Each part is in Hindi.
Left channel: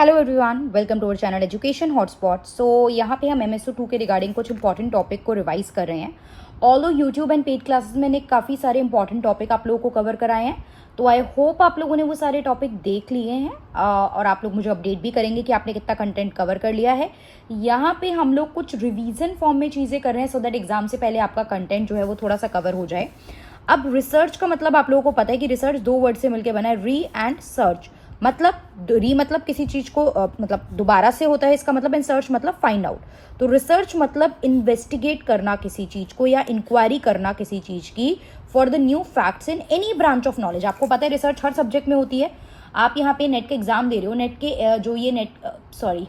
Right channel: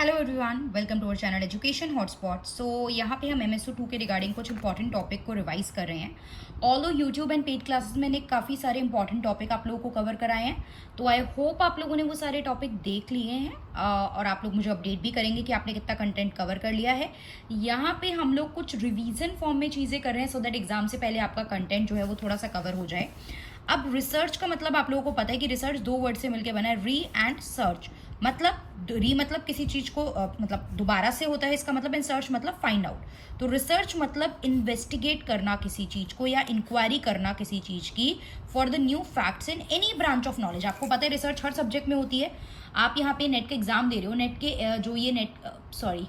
Hello everyone, welcome to our channel education hotspot. So यहाँ पे हम MSO 2 के रिगार्डिंग कुछ इंपॉर्टेंट टॉपिक को रिवाइज कर रहे हैं। Although YouTube and paid classes में ने काफ़ी सारे इंपॉर्टेंट टॉपिक आप लोगों को कवर कराए हैं, तो आई होप आप लोगों ने वो सारे टॉपिक देख लिए हैं और आप लोग मुझे अपडेट भी करेंगे कि आपने कितना कंटेंट कवर कर लिया है। यहाँ पे हम लोग कुछ रिवीजन फॉर्म में चीज़ें कर रहे हैं सो दैट एग्जाम से पहले आपका कंटेंट जो है वो थोड़ा सा कवर हो जाए। अब रिसर्च का मतलब आप लोगों को पता है कि रिसर्च दो वर्ड से मिलकर बना है, री एंड सर्च। मतलब री मतलब किसी चीज को मतलब दोबारा से होता है, इसका मतलब एंड सर्च मतलब फाइंड आउट। तो रिसर्च मतलब इन्वेस्टिगेट करना किसी चीज को या इंक्वायरी करना किसी चीज की for the new facts in any branch of knowledge. आपको पता है रिसर्च हर सब्जेक्ट में होती है। आप यहाँ पे नेट का एग्जाम दे रहे हो, नेट के जो ये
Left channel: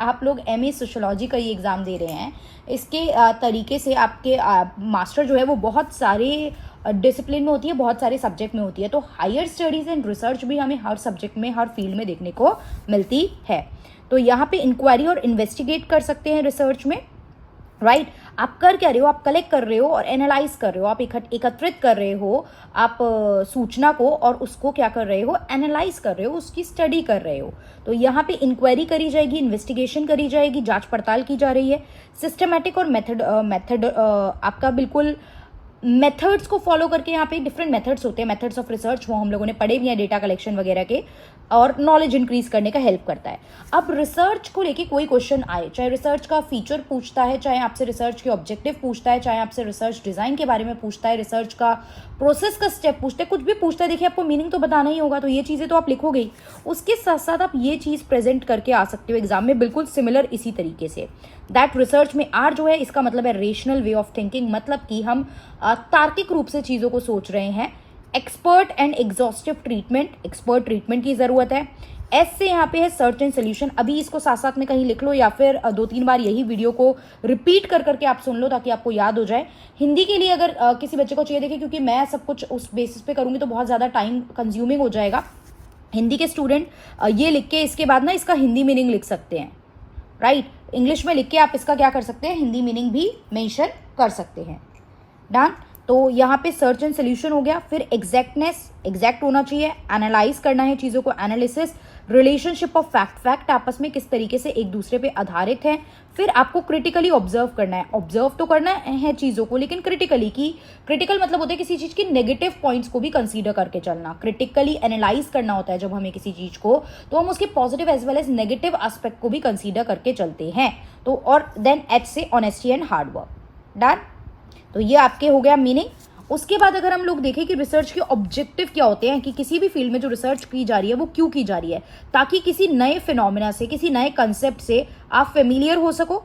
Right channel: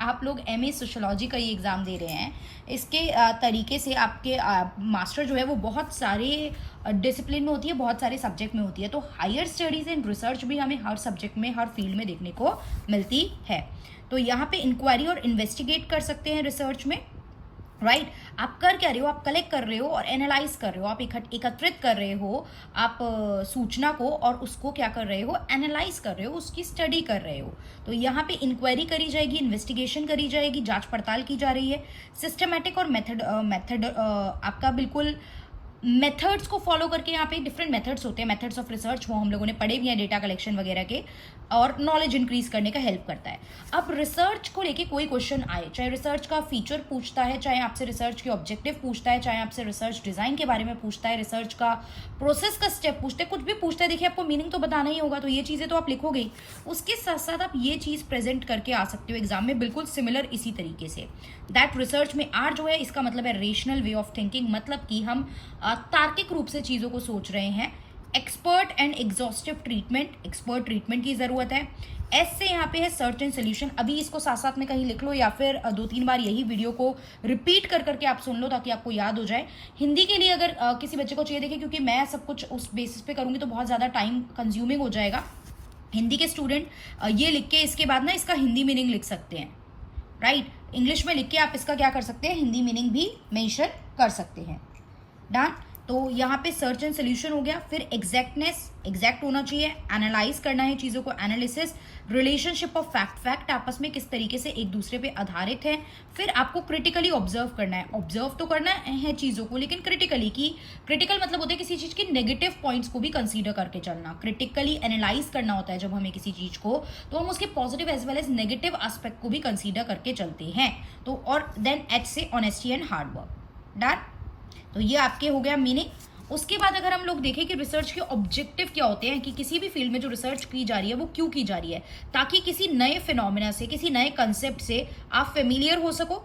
आप लोग MA सोशोलॉजी का ये एग्ज़ाम दे रहे हैं, इसके तरीके से आपके मास्टर जो है वो बहुत सारे डिसिप्लिन में होती है, बहुत सारे सब्जेक्ट में होती है। तो हायर स्टडीज़ एंड रिसर्च भी हमें हर सब्जेक्ट में, हर फील्ड में देखने को मिलती है। तो यहाँ पे इंक्वायरी और इन्वेस्टिगेट कर सकते हैं रिसर्च में, राइट। आप कर क्या रहे हो? आप कलेक्ट कर रहे हो और एनालाइज कर रहे हो, आप एकत्रित कर रहे हो आप सूचना को, और उसको क्या कर रहे हो? एनालाइज कर रहे हो, उसकी स्टडी कर रहे हो। तो यहाँ पे इंक्वायरी करी जाएगी, इन्वेस्टिगेशन करी जाएगी, जांच पड़ताल की जा रही है। सिस्टमैटिक और मेथड आपका बिल्कुल मेथड्स को फॉलो करके, यहाँ पे डिफरेंट मेथड्स होते हैं, मेथड्स ऑफ रिसर्च, वो हम लोगों ने पढ़े भी हैं, डेटा कलेक्शन वगैरह के, और नॉलेज इंक्रीज करने का हेल्प करता है। अब रिसर्च को लेके कोई क्वेश्चन आए, चाहे रिसर्च का फीचर पूछता है, चाहे आपसे रिसर्च के ऑब्जेक्टिव पूछता है, चाहे आपसे रिसर्च डिजाइन के बारे में पूछता है, रिसर्च का प्रोसेस का स्टेप पूछता है, कुछ भी पूछता है, देखिए आपको मीनिंग तो बताना ही होगा, तो ये चीज़ें तो आप लिखोगे ही। उसके साथ साथ आप ये चीज़ प्रेजेंट करके आ सकते हो एग्जाम में, बिल्कुल सिमिलर इसी तरीके से। दैट रिसर्च में आर जो है, इसका मतलब है रेशनल वे ऑफ थिंकिंग, मतलब कि हम तार्किक रूप से चीज़ों को सोच रहे हैं। Expert and exhaustive treatment, expert treatment की ज़रूरत है। एस से यहाँ पे है सर्च एंड सोल्यूशन। अभी इसको साथ साथ में कहीं लिख लो या फिर 2-3 बार यही वीडियो को रिपीट कर करके आप सुन लो ताकि आपको याद हो जाए। हिंदी के लिए अगर किसी बच्चे को चाहिए, देखिए क्योंकि मैं सब कुछ उस बेसिस पे करूँगी तो बहुत ज़्यादा टाइम कंज्यूमिंग हो जाएगा। हिंदी के स्टूडेंट ये लिख के इसके बाद ना इसका हिंदी मीनिंग लिख सकते हैं, राइट। इंग्लिश में लिख के आप इसका क्या कर सकते हैं? हिंदी मीनिंग भी मेंशन कर सकते हैं। डन। तो यहाँ पे सर्च एंड सोल्यूशन हो गया। फिर एग्जैक्टनेस, एग्जैक्ट होना चाहिए, एनालाइज करना है चीज़ों को, analysis, relationship of fact, fact आपस में किस तरीके से एक दूसरे पे आधारित है। फिर आपको क्रिटिकली ऑब्जर्व करना है, ऑब्जर्व तो करना है चीज़ों को, लेकिन क्रिटिकली, की क्रिटिकल मतलब होता है किसी चीज़ की नेगेटिव पॉइंट्स को भी कंसीडर करके चलना। क्रिटिकली एनालाइज करना होता है जब हमें किसी चीज़ को, तो हम उसके positive as well as negative aspect को भी कंसीडर करके चलते हैं। तो और देन H से honesty and hard work. Done. तो ये आपके हो गया मीनिंग। उसके बाद अगर हम लोग देखें कि रिसर्च के ऑब्जेक्टिव क्या होते हैं, कि किसी भी फील्ड में जो रिसर्च की जा रही है वो क्यों की जा रही है, ताकि किसी नए फिनोमिना से, किसी नए कंसेप्ट से आप फेमिलियर हो सको,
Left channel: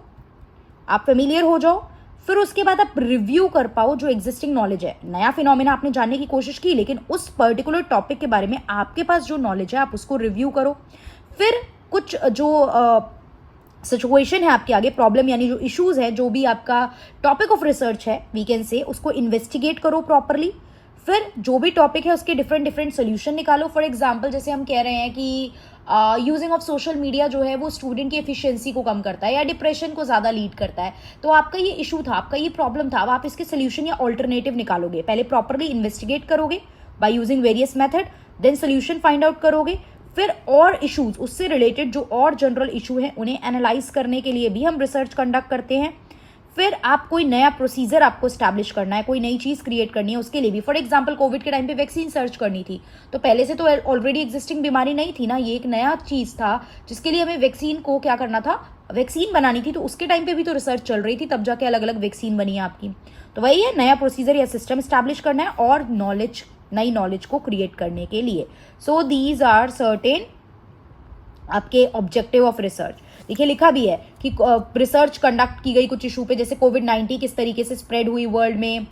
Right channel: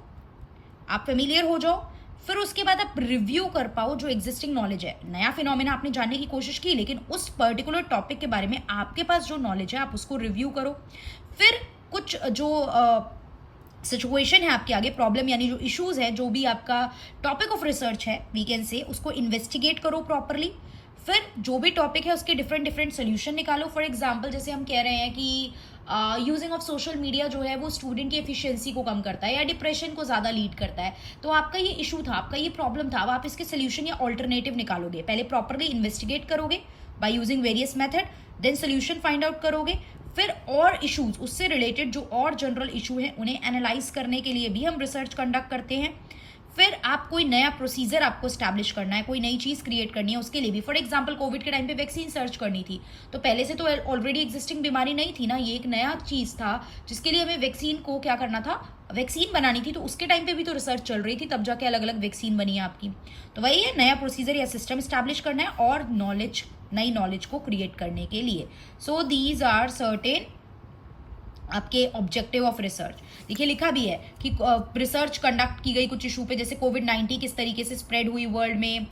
आप फेमिलियर हो जाओ। फिर उसके बाद आप रिव्यू कर पाओ जो एग्जिस्टिंग नॉलेज है। नया फिनोमिना आपने जानने की कोशिश की, लेकिन उस पर्टिकुलर टॉपिक के बारे में आपके पास जो नॉलेज है आप उसको रिव्यू करो। फिर कुछ जो सिचुएशन है आपके आगे, प्रॉब्लम यानी जो इश्यूज है, जो भी आपका टॉपिक ऑफ रिसर्च है वी कैन से, उसको इन्वेस्टिगेट करो प्रॉपरली। फिर जो भी टॉपिक है उसके डिफरेंट डिफरेंट सोल्यूशन निकालो। फॉर एग्जांपल जैसे हम कह रहे हैं कि यूजिंग ऑफ सोशल मीडिया जो है वो स्टूडेंट की एफिशिएंसी को कम करता है या डिप्रेशन को ज़्यादा लीड करता है, तो आपका ये इशू था, आपका ये प्रॉब्लम था, अब आप इसके सोल्यूशन या ऑल्टरनेटिव निकालोगे। पहले प्रॉपरली इन्वेस्टिगेट करोगे by using various method, then solution find out करोगे। फिर और इश्यूज, उससे रिलेटेड जो और जनरल इशू हैं उन्हें एनालाइज करने के लिए भी हम रिसर्च कंडक्ट करते हैं। फिर आप कोई नया प्रोसीजर आपको स्टैब्लिश करना है, कोई नई चीज़ क्रिएट करनी है, उसके लिए भी। फॉर एग्जांपल कोविड के टाइम पे वैक्सीन सर्च करनी थी, तो पहले से तो ऑलरेडी एग्जिस्टिंग बीमारी नहीं थी ना, ये एक नया चीज़ था जिसके लिए हमें वैक्सीन को क्या करना था, वैक्सीन बनानी थी। तो उसके टाइम पे भी तो रिसर्च चल रही थी, तब जाके अलग अलग वैक्सीन बनी है आपकी। तो वही है, नया प्रोसीजर या सिस्टम स्टैब्लिश करना है और नॉलेज, नई नॉलेज को क्रिएट करने के लिए। सो दीज आर सर्टेन आपके ऑब्जेक्टिव ऑफ रिसर्च। देखिए लिखा भी है कि रिसर्च कंडक्ट की गई कुछ इशू पे, जैसे कोविड-19 किस तरीके से स्प्रेड हुई वर्ल्ड में,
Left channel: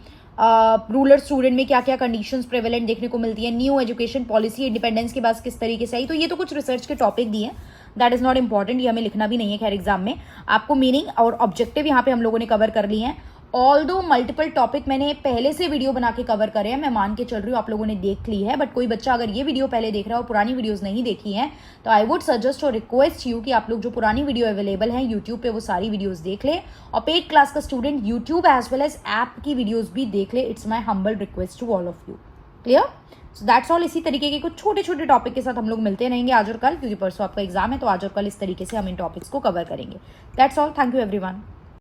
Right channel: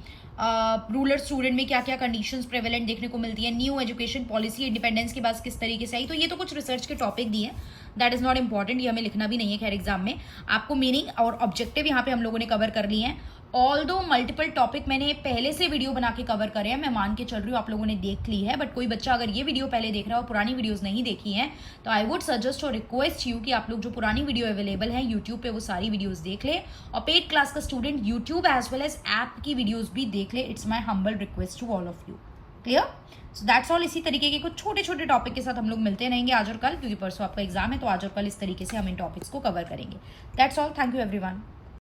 रूरल स्टूडेंट में क्या क्या कंडीशंस प्रेवेलेंट देखने को मिलती है, न्यू एजुकेशन पॉलिसी इंडिपेंडेंस के बाद किस तरीके से आई। तो ये तो कुछ रिसर्च के टॉपिक दिए हैं, दैट इज नॉट इंपॉर्टेंट, ये हमें लिखना भी नहीं है खैर एग्जाम में। आपको मीनिंग और ऑब्जेक्टिव यहाँ पे हम लोगों ने कवर कर लिए हैं। ऑल्दो मल्टीपल टॉपिक मैंने पहले से वीडियो बना के कवर करे हैं, मैं मान के चल रही हूँ आप लोगों ने देख ली है, बट कोई बच्चा अगर ये वीडियो पहले देख रहा है और पुरानी वीडियोस नहीं देखी हैं, तो आई वुड सजेस्ट और रिक्वेस्ट यू कि आप लोग जो पुरानी वीडियो अवेलेबल है यूट्यूब पे वो सारी वीडियोस देख ले, और पेड क्लास का student YouTube as well as app की वीडियोज भी देख ले। It's my humble request to all of you. Clear? So that's all. इसी तरीके के कुछ छोटे छोटे टॉपिक के साथ हम लोग मिलते रहेंगे आज और कल, क्योंकि परसों आपका एग्जाम है, तो आज और कल इस तरीके से हम इन टॉपिक्स को कवर करेंगे। That's all. Thank you everyone.